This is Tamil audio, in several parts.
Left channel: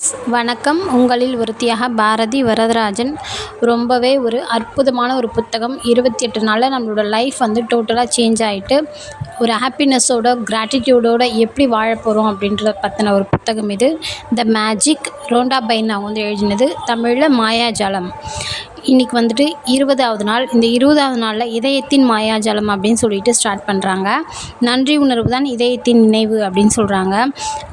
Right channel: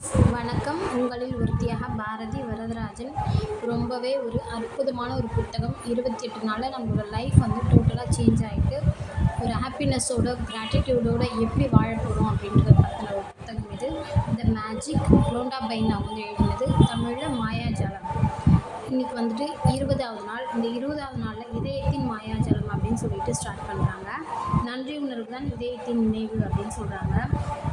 வணக்கம். உங்களில் ஒருத்தியாக பாரதி வரதராஜன். ரொம்பவே ஒரு அற்புதமான ஒரு புத்தகம். 28 நாளில் நம்மளோட லைஃப் வந்து டோட்டலாக சேஞ்ச் ஆகிட்டு ஒரு ஹாப்பினஸோட கிராட்டிடியூடோட எப்படி வாழ போகிறோம் அப்படின்றத பற்றின ஒரு புத்தகம் இது. The magic. ரோண்டா பைன் அவங்க வந்து எழுதினது. தமிழில் மாயாஜாலம். இன்றைக்கி வந்துட்டு 20வது நாள். இந்த 20வது நாளில் இதயத்தின் மாயாஜாலம் அப்படின்னு சொல்லிட்டு ஸ்டார்ட் பண்ணுறாங்க. நன்றி உணர்வு தான் இதயத்தின் நினைவு அப்படின்னு சொல்கிறாங்க.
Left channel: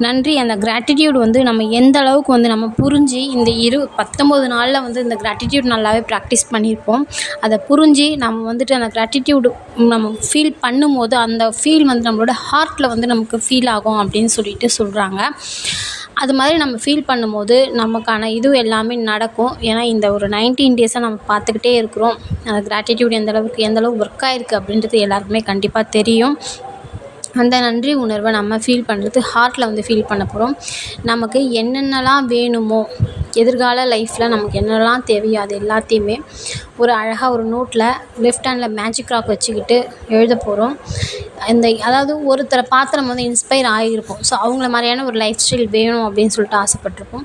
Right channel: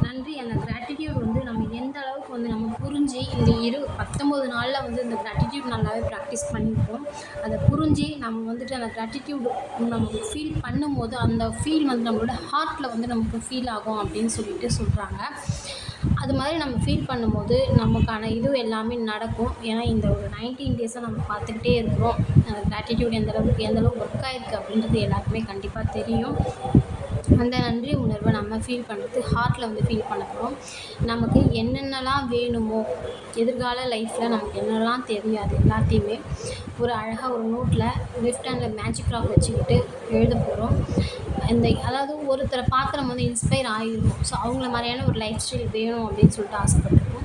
நன்றி, அந்த கிராட்டிடியூட் வந்து நம்ம எந்த அளவுக்கு வந்து நம்ம புரிஞ்சு இந்த 19 நாளில் வந்து இந்த கிராட்டிடியூட் நல்லாவே ப்ராக்டிஸ் பண்ணியிருப்போம். அதை புரிஞ்சு நம்ம வந்துட்டு அந்த கிராட்டிடியூடு நம்ம ஃபீல் பண்ணும்போது அந்த ஃபீல் வந்து நம்மளோட ஹார்ட்டில் வந்து நமக்கு ஃபீல் ஆகும் அப்படின்னு சொல்லிட்டு சொல்கிறாங்க. அது மாதிரி நம்ம ஃபீல் பண்ணும்போது நமக்கான இது எல்லாமே நடக்கும். ஏன்னா இந்த ஒரு 19 டேஸாக நம்ம பார்த்துக்கிட்டே இருக்கிறோம். அந்த கிராட்டிடியூட் எந்த அளவுக்கு ஒர்க் ஆகிருக்கு அப்படின்றது எல்லாருக்குமே கண்டிப்பாக தெரியும். அந்த நன்றி உணர்வை நம்ம ஃபீல் பண்ணுறது ஹார்ட்டில் வந்து ஃபீல் பண்ண போகிறோம். நமக்கு என்னென்னலாம் வேணுமோ, எதிர்கால லைஃப்பில் நமக்கு என்னெல்லாம் தேவையோ அது எல்லாத்தையுமே ஒரு அழகாக ஒரு நோட்டில் லெஃப்ட் ஹேண்டில் மேஜிக் ராக் வச்சுக்கிட்டு எழுத போகிறோம். அதாவது ஒருத்தரை பார்த்து நம்ம வந்து இன்ஸ்பயர் ஆகியிருப்போம். ஸோ அவங்கள மாதிரியான ஒரு லைஃப் ஸ்டைல் வேணும் அப்படின்னு சொல்லிட்டு ஆசைப்பட்டிருப்போம்.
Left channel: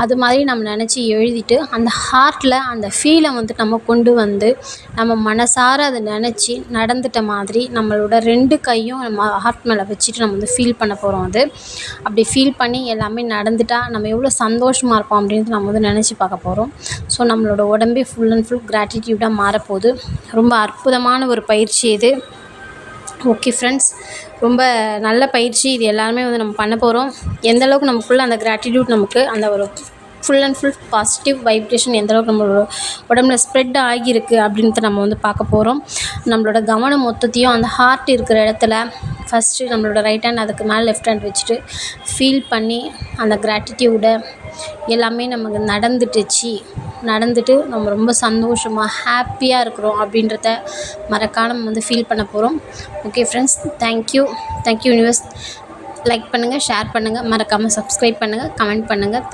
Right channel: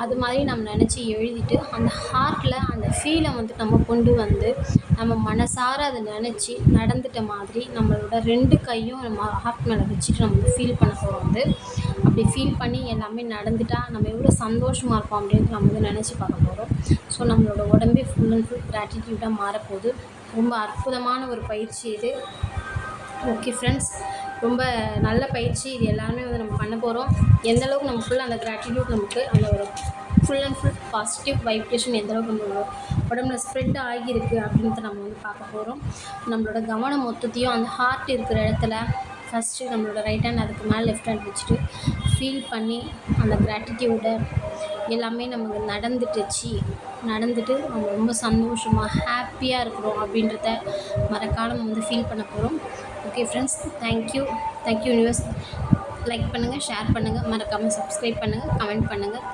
அது மாதிரி நம்ம நினச்சி எழுதிட்டு அந்த ஹார்ட்டில் அந்த ஃபீலை வந்து நம்ம கொண்டு வந்து நம்ம மனசார அதை நினச்சி நடந்துட்ட மாதிரி நம்மளோட 2 கையும் நம்ம ஹார்ட் மேலே வச்சுட்டு நம்ம வந்து ஃபீல் பண்ண போகிறோம். அப்படி ஃபீல் பண்ணி எல்லாமே நடந்துட்டால் நம்ம எவ்வளோ சந்தோஷமாக இருப்போம் அப்படின்ட்டு நம்ம வந்து நினச்சி பார்க்க போகிறோம். ஸோ நம்மளோட உடம்பே ஃபுல் அண்ட் ஃபுல் கிராட்டிடியூடாக மாறப்போகுது. ரொம்ப அற்புதமான ஒரு பயிற்சி இது. ஓகே ஃப்ரெண்ட்ஸ், ரொம்ப நல்ல பயிற்சி இது. எல்லாருமே வந்து நம்ம பண்ண போகிறோம். எந்தளவுக்கு நமக்குள்ளே அந்த கிராட்டிடியூட் நமக்கு அந்த ஒரு full and full positive vibration எந்தளவுக்கு நம்மளோட உடம்புல ஸ்ப்ரெட் ஆகியிருக்கு அப்படின்ட்டு நம்ம வந்து பார்க்க போகிறோம். நம்மளோட கவனம் மொத்தத்தையும் அந்த ஹார்ட் இருக்கிற இடத்துல ஃபஸ்ட்டு நம்மளோட ரைட் ஹேண்ட் அதுக்கு மேலே லெஃப்ட் ஹேண்ட் வச்சுட்டு ஃபீல் பண்ணி அந்த கிராட்டிடியூடை எல்லாமே நமக்கு நடந்துட்டு நம்ம ரொம்ப சந்தோஷமாக ஹாப்பியாக இருக்கிறோம் அப்படின்றத மறக்காம வந்து ஃபீல் பண்ண போகிறோம். Okay friends, thank you universe. Like பண்ணுங்கள், ஷேர் பண்ணுங்கள், மறக்காமல் சப்ஸ்கிரைப் பண்ணுங்கள், கமெண்ட் பண்ணுங்கள்.